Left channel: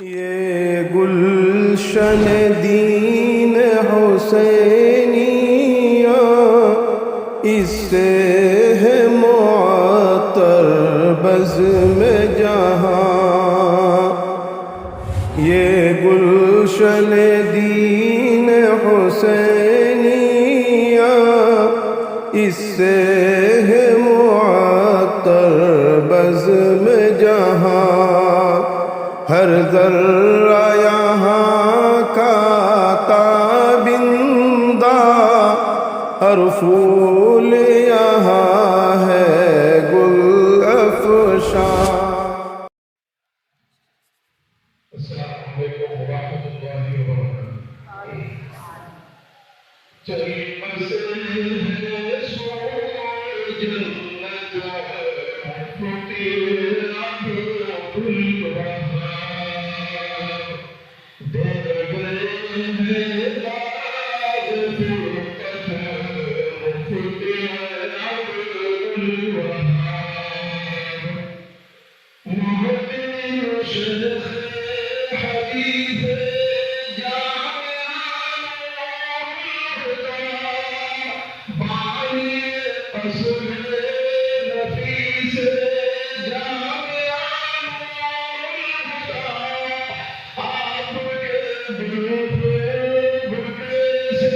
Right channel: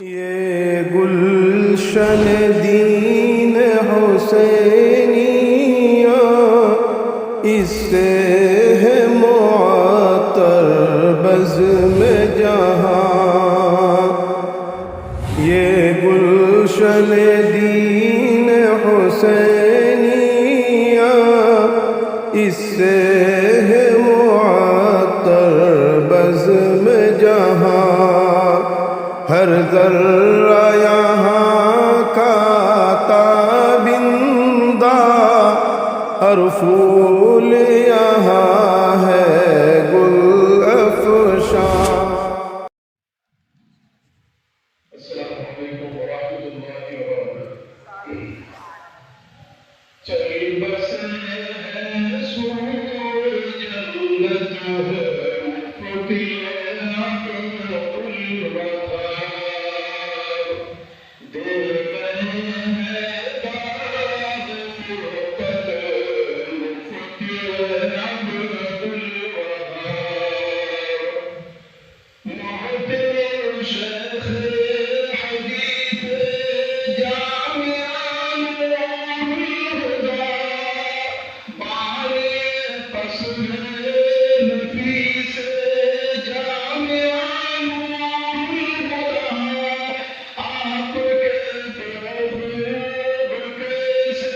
ये गुलशन दीन हुसैनिया, इससे है मुअत्तर बज़्म जहाँ। ये गुलशन दीन हुसैनिया, इससे है मुअत्तर बज़्म जहाँ। हर ज़र्रा यहाँ का ताबिंदा, हर फूल यहाँ है गुल अफ़शां। अस्सलामु अलैकुम व रहमतुल्लाहि व बरकातुहू। चल बसे है सूरज जन्नत है, मुफ़्ती अब्दुल वहाब। दे गए हैं दाद फ़ुरक़त, मुफ़्ती अब्दुल वहाब। मोहतरम शेख़ हदीस जामिया नूरुल हुदा, बानी क़स्म नफ़ीस जामिया नूरुल हुदा। आपके बुके से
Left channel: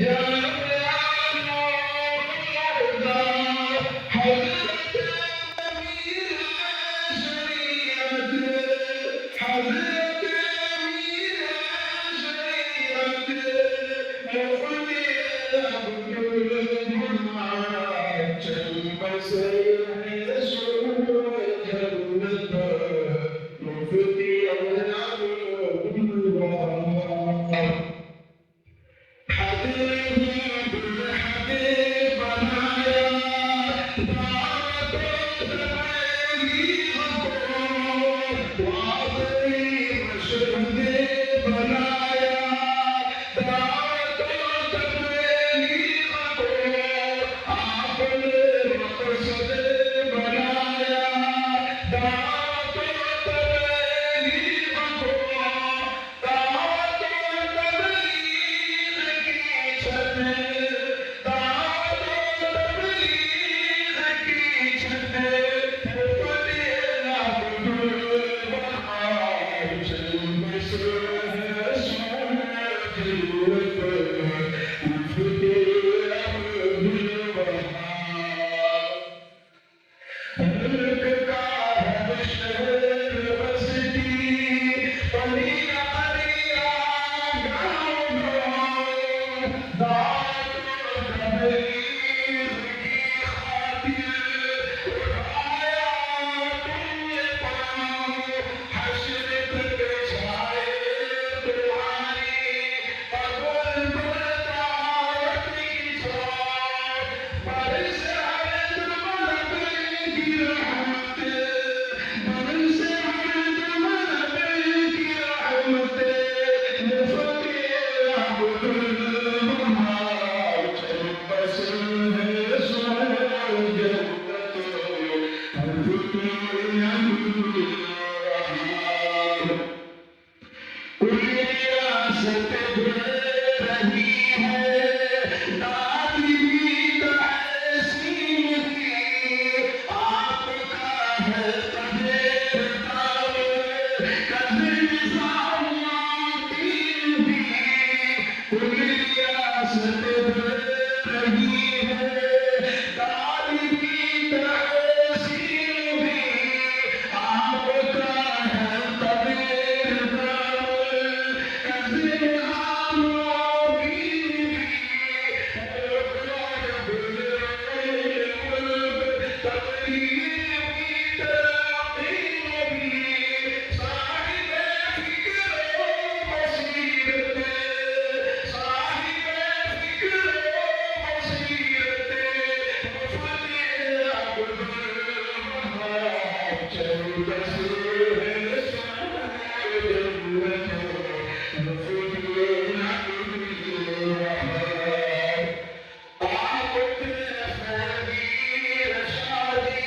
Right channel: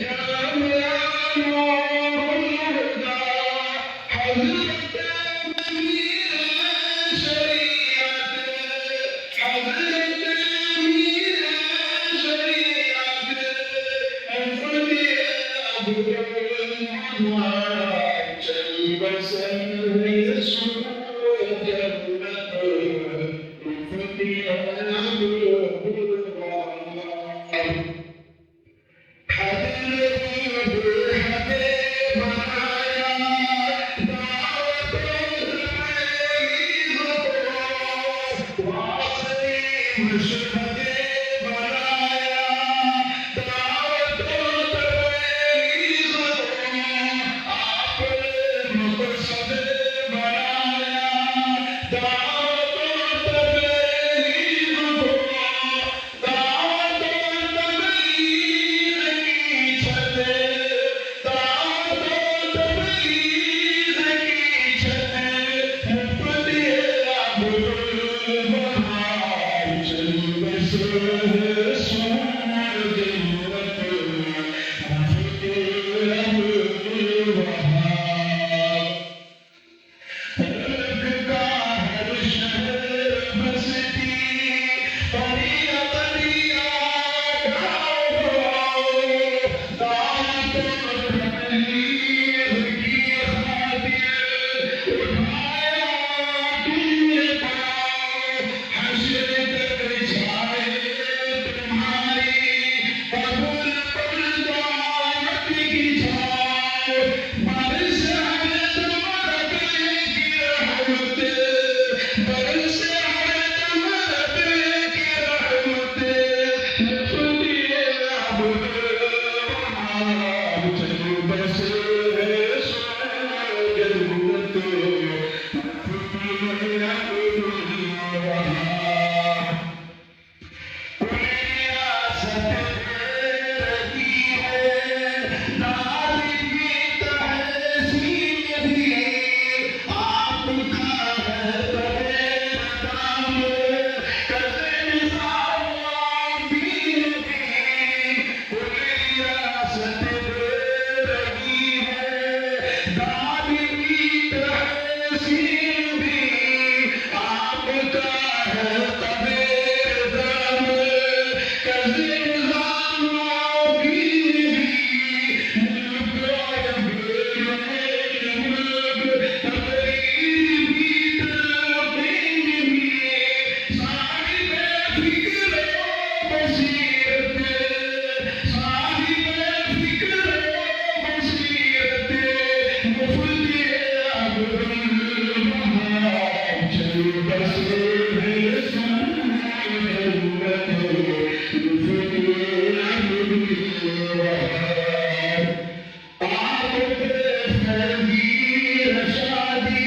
जामिया नूरुल हुदा, हज़रत अमीर शरीयत, हज़रत अमीर शरीयत, मुफ़्ती अब्दुल वहाब। चल बसे है सूरज जन्नत, मुफ़्ती अब्दुल वहाब। हद नहीं बेहद बनाया, दावत तबलीग को वासई मशहद बनाया, दावत तबलीग को आपने मकसद बनाया, दावत तबलीग को, दावत तबलीग की छत, दावत तबलीग की छत, मुफ़्ती अब्दुल वहाब। चल बसे है सूरज जन्नत, मुफ़्ती अब्दुल वहाब। मुल्क का हर शहर बस्ती, कलियां कलियां गाँव-गाँव, दावत तबलीग की खातिर उठाया तुमने पाँव। हश्र तक छाए तुम्हारी कबूल पर दावत की छाँव। बारिश हर दम की रहमत, बारिश हर दम की रहमत, मुफ़्ती अब्दुल वहाब। चल बसे है सूरज जन्नत, मुफ़्ती अब्दुल वहाब। कुल रियासत दे रही है, दाद भी तहसीन भी, आपका है तबेर काम, कज़ निज़ाम दीन भी। कुल रियासत दे रही है, दाद भी तहसीन भी, आपका है तबेर काम, कज़ निज़ाम दीन भी। मुल्क और बेर मुल्क, तकदीर भी तलक़ीन भी, साहिब फ़िक्र बसीरत, साहिब फ़िक्र बसीरत, मुफ़्ती अब्दुल वहाब। चल बसे है सूरज जन्नत, मुफ़्ती अब्दुल वहाब। आपके फकीर शादी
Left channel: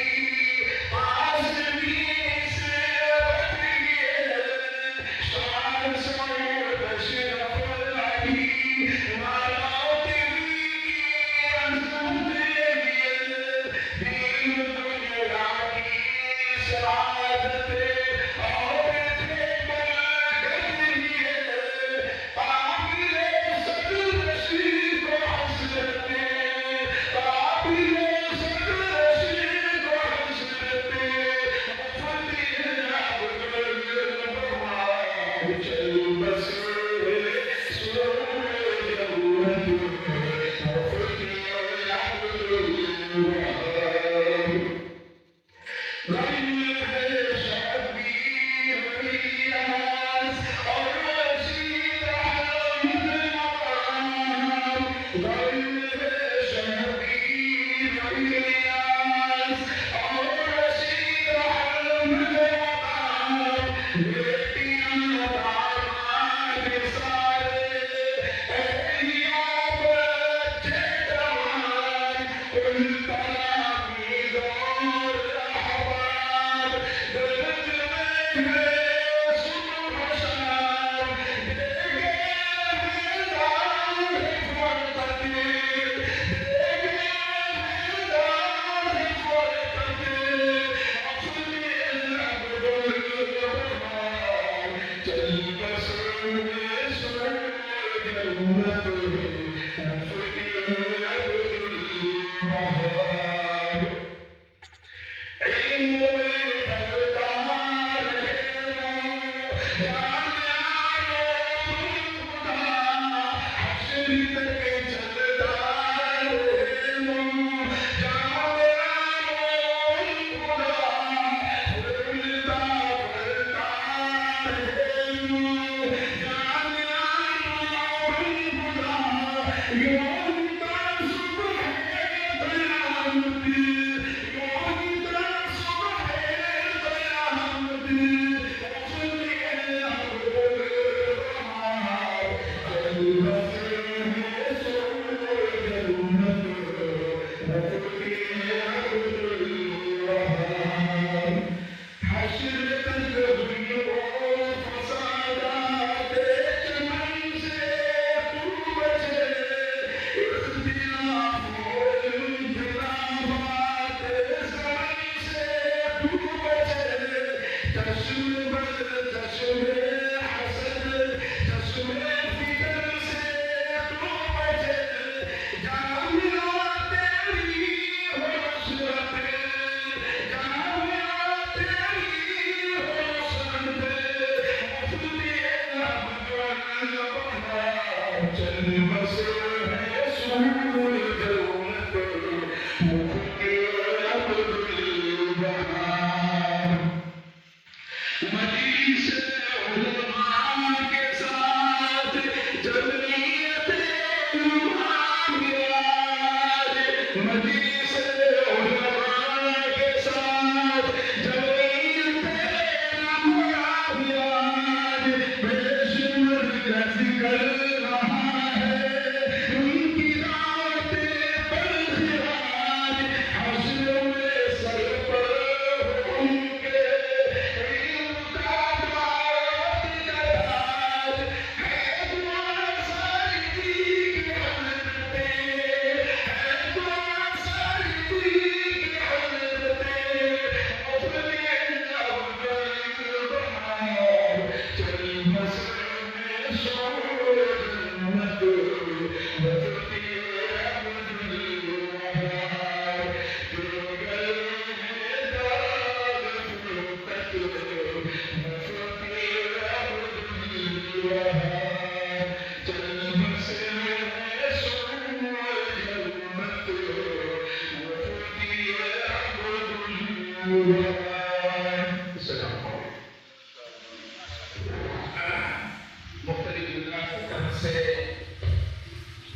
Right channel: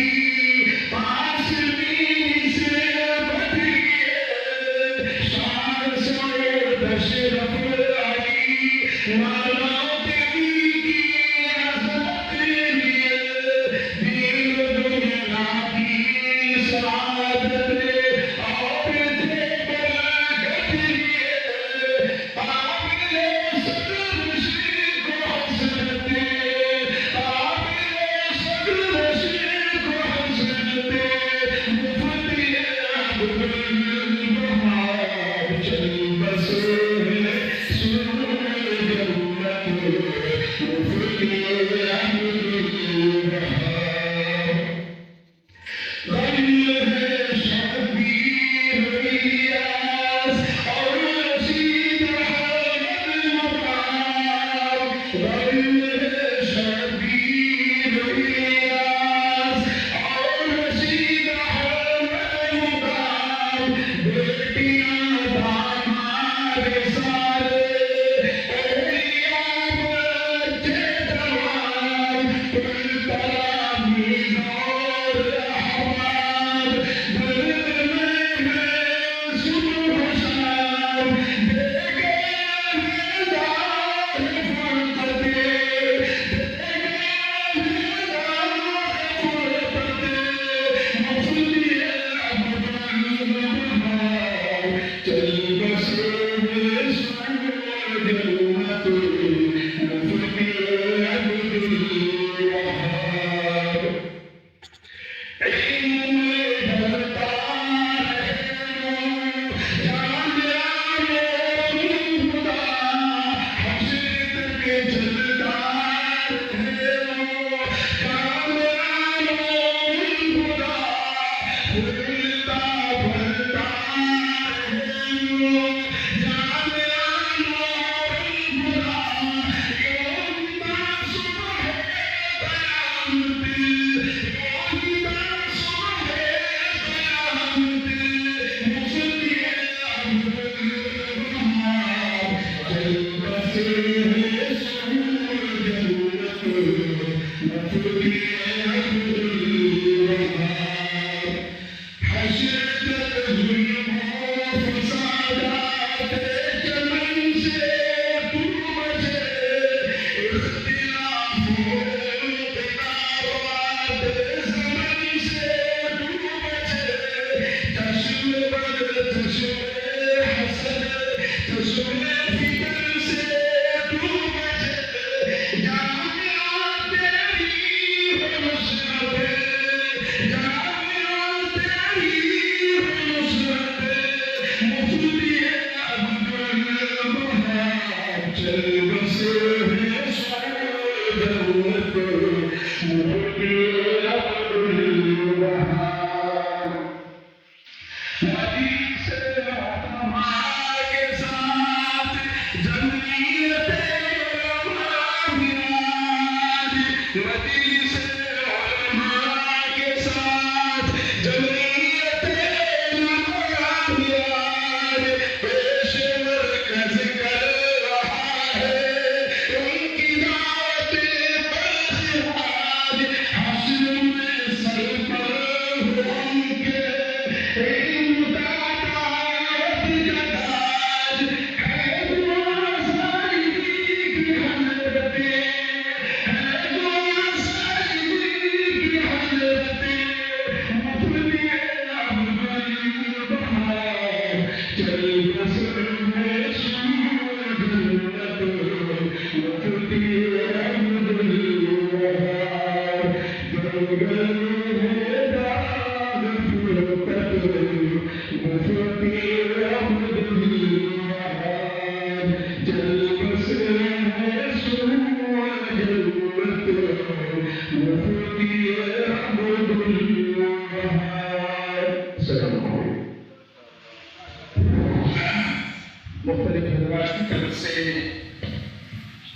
मुख्तलिफ हजरात की तरफ से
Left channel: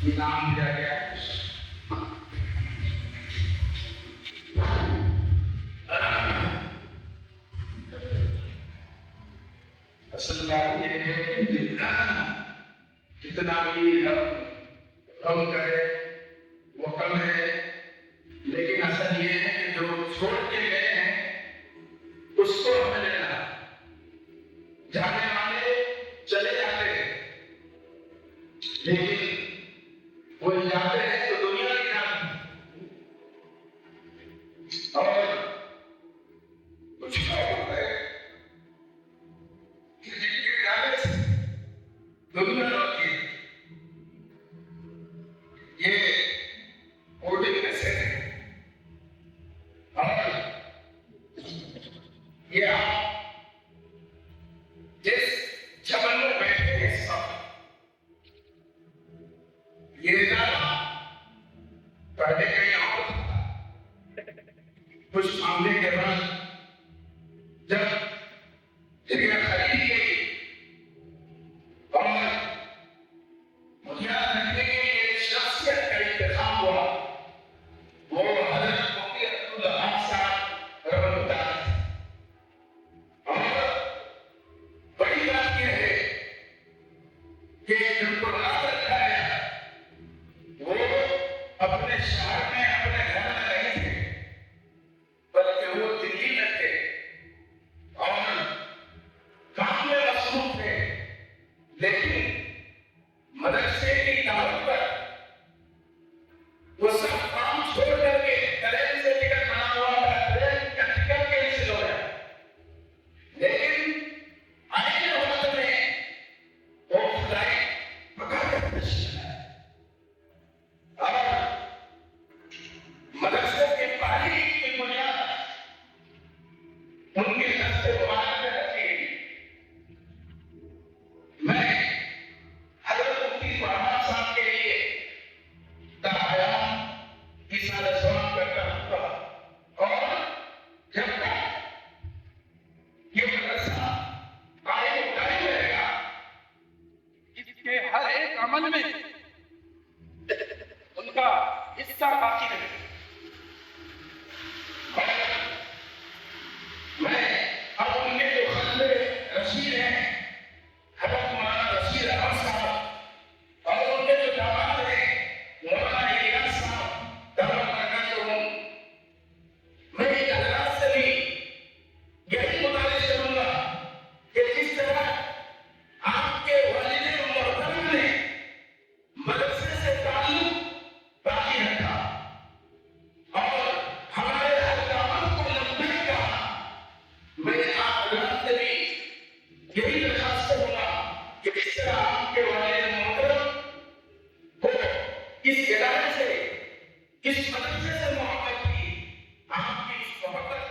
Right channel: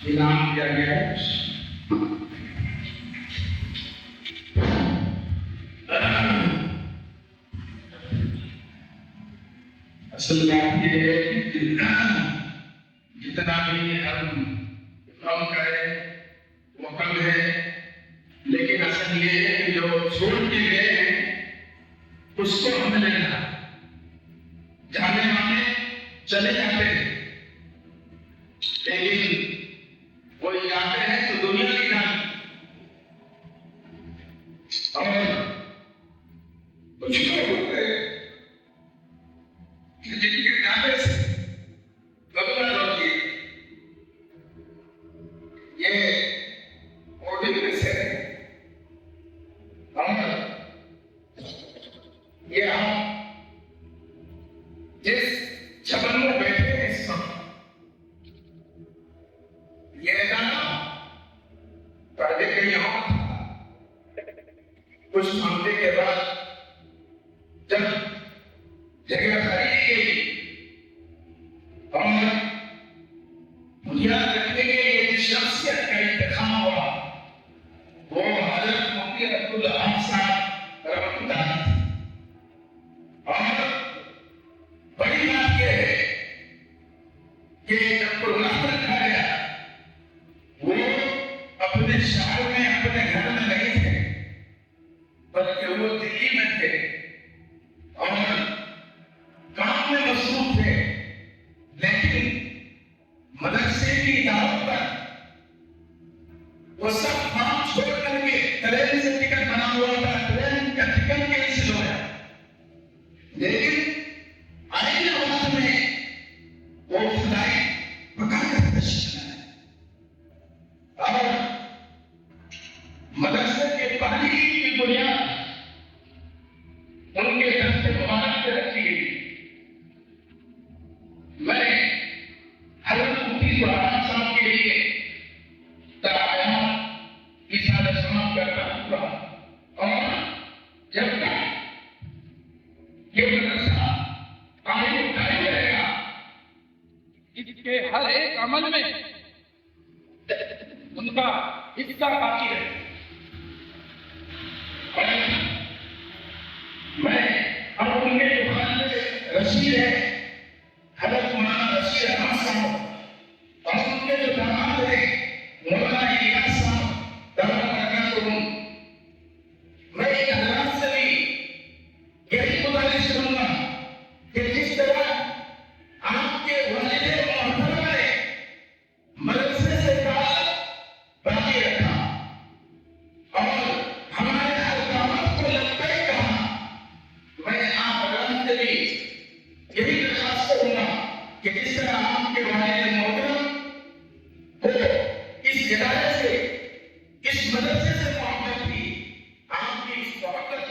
इनाम दिया गया है। असल बात यह है कि जितना भी हम कम करें वो कम है, लेकिन असल ये है कि जो छोड़ के गए हैं उसको हमें लेना। जाने वाले चले जाते हैं, लेकिन वो जाते हैं तो दुनिया की नाम और कुछ लोग होते हैं कि जिनके जाने से दुनिया लौटती है। ये ओडिन में से और ये आप जिस चमन में बैठे हैं इस वक्त, ये दाना पहले कहीं और था। कुछ मामले के बाद जब जगह खरीदी गई और बुनियाद रखने के लिए शख्सियत का इंतखाब हुआ, वो हजरत मुफ्ती अब्दुल अहद साहब रहमतुल्लाह। और बड़ी बात यह है कि जब प्रोग्राम रखा गया, वो अपने शहर में अपने घर में नहीं थे, बल्कि वो दिल्ली में थे तशरीफ है हजरत मौलाना रशीद अहमद साहब और उनके जो दामाद है मौलाना इलियास साहब दामाद बरकातुहुम। मैं एक हजरात से भी यही गुजारिश करूंगा कि जिस तरह आपके वालिद मोहतरम ने मदरसे से ताल्लुक बाकी रखा और हमारे हर दावत को लब्बैक कहा, मैं आप हजरात से भी यही दरखास्त करूंगा कि जिस तरह आपके वालिद मोहतरम को इस इदारे से, इस मदरसे से मोहब्बत थी, आपकी इस मोहब्बत